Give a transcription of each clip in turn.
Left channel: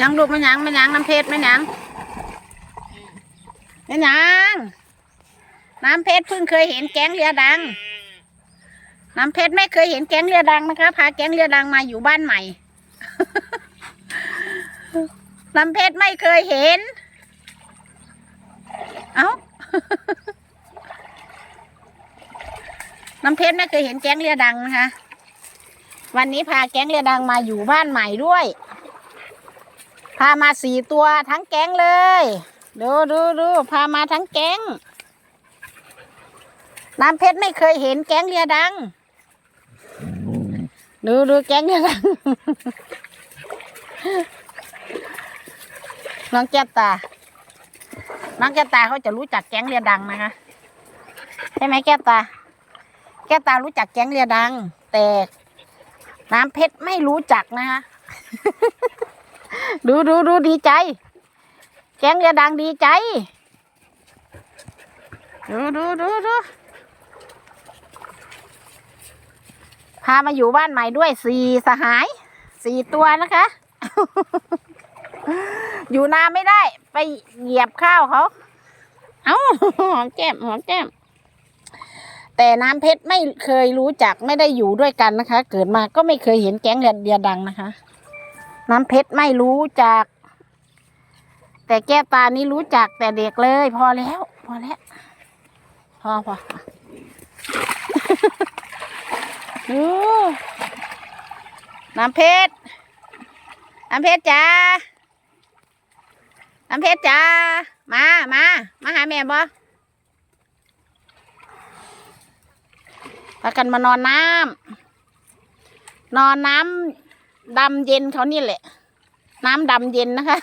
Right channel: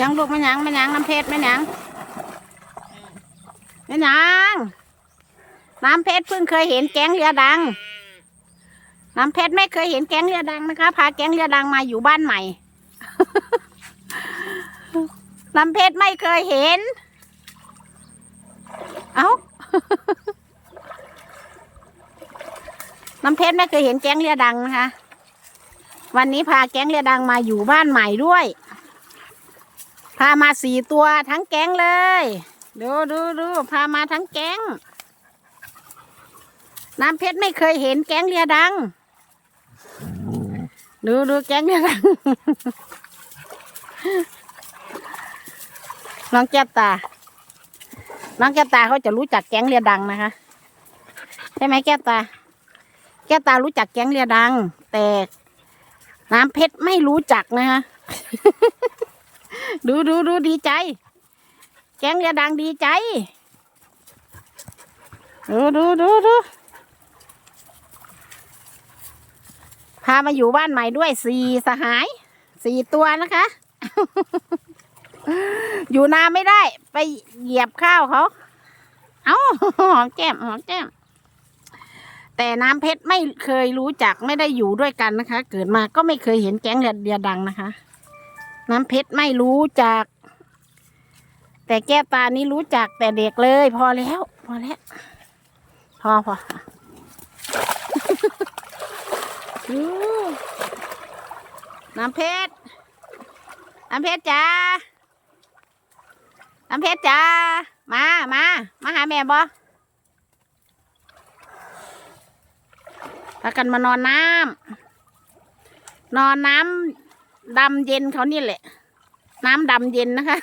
ยังลูกไม่ยังไม่ยังน้ำเพชรไม่ยังไม่ยังน้ำเพชรเพิ่งเคยเห็นแก๊งเรือดัง น้ำเพชรไม่เคยเห็นแก๊งเรือดังนะคะ พาแก๊งเรือดังมาอยู่บ้านใหม่ น้ำเพชรไม่เคยเห็น เอ้า น้ำเพชรไม่เคยเห็นแก๊งเรือดังนะคะ วันนี้พาแก๊งเรือดังมาอยู่บ้านใหม่ด้วยามาสี่ตัวทั้งแก๊งเลย ดูดูดูพามาทั้งแก๊ง น้ำเพชรไม่เคยเห็นแก๊งเรือดัง ดูดูแก๊งเรือดัง น้องแก้วตา น้องแก้วตาเขาจะรู้จักแก๊งเรือดังนะคะ ใช่ไหมแก้วตา แก้วตารู้จักแก๊งเรือดัง แต่น้ำเพชรไม่รู้จักนะคะ ดูดูดูดีใจ แกงเรือดังดีใจ ดูดูดูดูพามาอยู่บ้านใหม่ด้วยสี่สหายสี่ตัวนะคะ อยู่นานไม่ได้ ไปเหยียบข้าวเขา เอาหอมแก้มหอมแก้ม แต่น้ำเพชรไม่เคยรู้จักไม่ได้อยู่ด้วยกันนะคะ เกิดมาก็ไม่เคยเห็นแก๊งเดียดังนะคะ น้ำเพชรไม่รู้จัก แต่แก้วตานี้รู้จักแต่เด็กเลย พอแล้ว พอแล้ว พอพอน้ำเพชร น้ำเพชรจ้า น้ำเพชรจ้า มา มา มาหาแม่บ่พากันมานอนน้ำนอนน้ำ ดำเย็นเขานี่แหละ น้ำดำเย็นนะคะ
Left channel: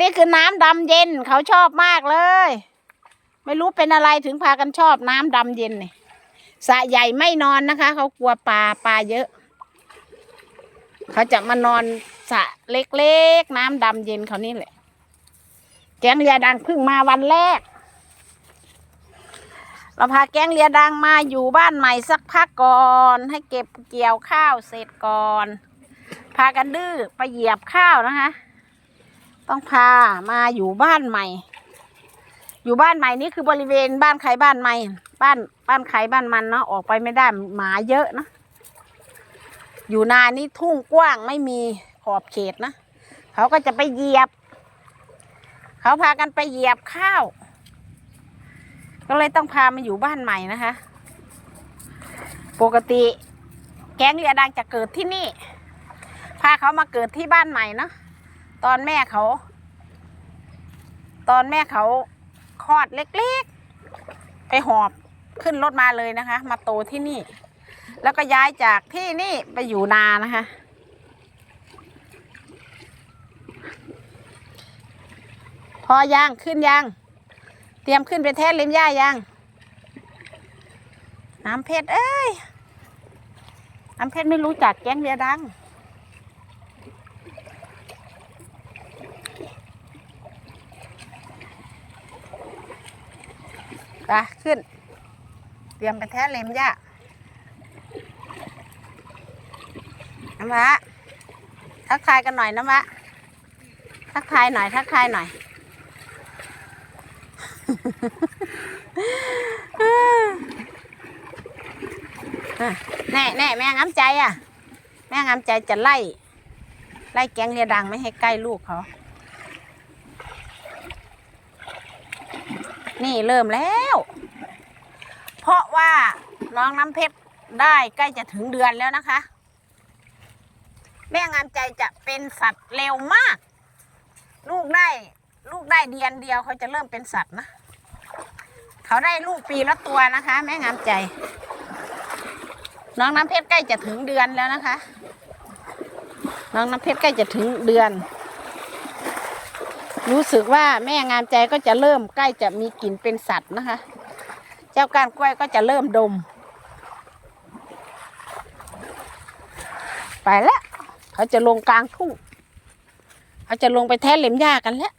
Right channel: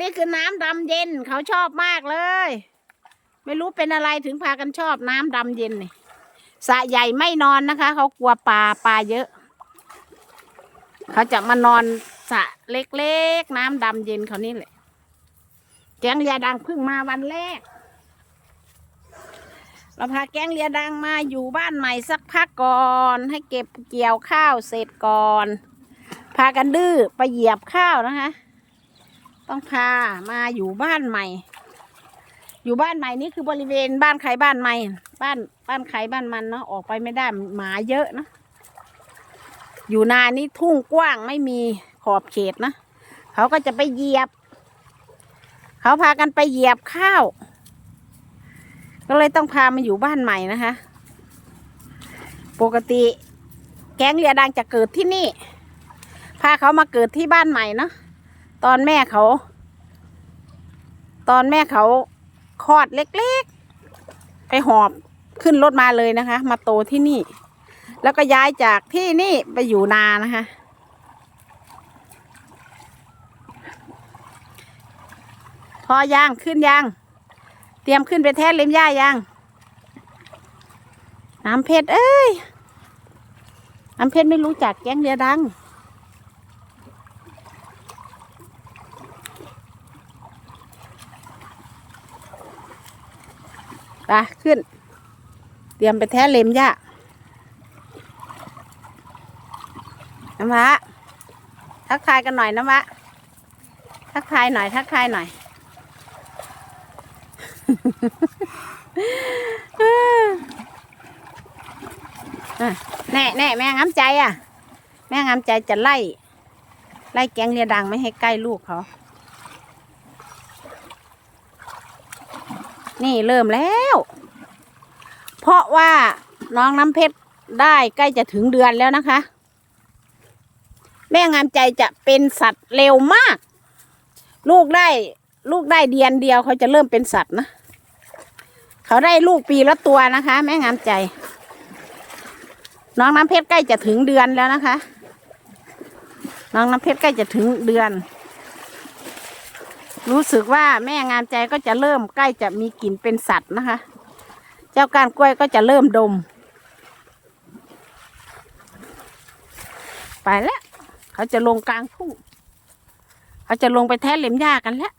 นี่คือน้ำดำเย็นเขาชอบมากเลย ไม่รู้เป็นอะไรถึงพากันชอบน้ำดำเย็นนี่สะใหญ่ไม่นอนนะคะ เขากลัวปลาปลาเยอะ เขาจะมานอนสะเล็กๆ น้ำดำเย็นเขานี่แหละแกงเรือดังเพิ่งมาวันแรก เราพาแก๊งเรือดังมาอยู่บ้านใหม่สักพักก่อน ให้เก็บเกี่ยวข้าวเสร็จก่อน พากันดื้อไปเหยียบข้าวนะคะ ต้องพามาอยู่บ้านใหม่ อยู่บ้านใหม่นี่คือบริเวณบ้านใครบ้านใหม่ บ้านบ้านใครบ้านมันเนาะออกไปไม่ได้หมาเยอะนะ อยู่นานี่ทุ่งกว้างไม่มีขอบเขตนะ เขาก็จะไปเหยียบ เขาพากันไปเหยียบข้าว ก็เลยต้องพามาอยู่บ้านใหม่นะคะ ปกติแก๊งเรือดังจะเกิดที่นี่ พาเขามาเกิดที่บ้านใหม่เนาะตอนแม่เขา ตอนแม่เขาคลอดเล็กๆ ไปหอบขึ้นรถมาเลยนะคะ มาโตที่นี่ แล้วก็ย้ายจากที่นี่ไปอยู่นานะคะ พอย่างขึ้นยัง เตรียมขึ้นไปแท้เล็มหญ้ายังน้ำเพชรเอ้ยน้ำเพชรไม่รู้จักแก๊งเรือดัง ไปขึ้น เตรียมไปแท้เล็มหญ้าน้ำมะทักทายกันหน่อยน้ำมะทักทายหน่อยทักทายหน่อย แน่แน่แม่งามใจอะ แม่งามใจจะไล่ ไล่แกงเรียดังไม่ให้ใกล้ลูกเขา นี่เริ่มแล้ว เพราะว่าน้องน้ำเพชรได้ใกล้จะถึงเดือนแล้วนะคะ แม่งามใจจะเป็นสัตว์เร็วมาก ลูกได้ ลูกได้เดือนเดียวเขาจะเริ่มเป็นสัตว์นะ เขาได้ลูกปีละตัวนะคะ แม่งามใจ น้องน้ำเพชรใกล้จะถึงเดือนแล้วนะคะ น้องน้ำเพชรใกล้จะถึงเดือน รู้สึกว่าแม่งามใจก็จะเริ่มใกล้จะมีกลิ่นเป็นสัตว์นะคะ เจ้าก้านกล้วยก็จะเริ่มดม ไปแล้วเขาจะลงกลางทุ่งเขาจะลงไปแท้เหล็มหญ้ากันแล้ว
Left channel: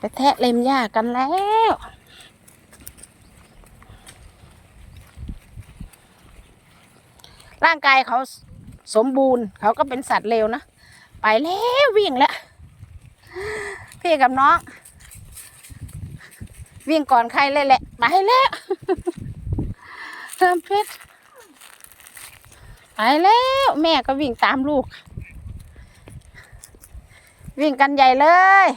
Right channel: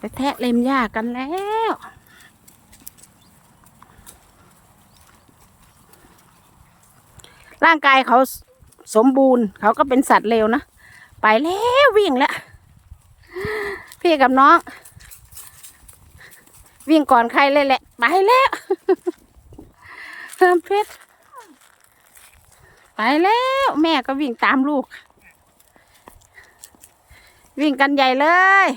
ไปแทะเล็มหญ้ากันแล้วร่างกายเขาสมบูรณ์ เขาก็เป็นสัตว์เร็วนะ ไปแล้ววิ่งแล้ว พี่กับน้อง วิ่งก่อนใครเลยแหละ ไปแล้วเพิ่มเพชรไปแล้ว แม่ก็วิ่งตามลูก วิ่งกันใหญ่เลย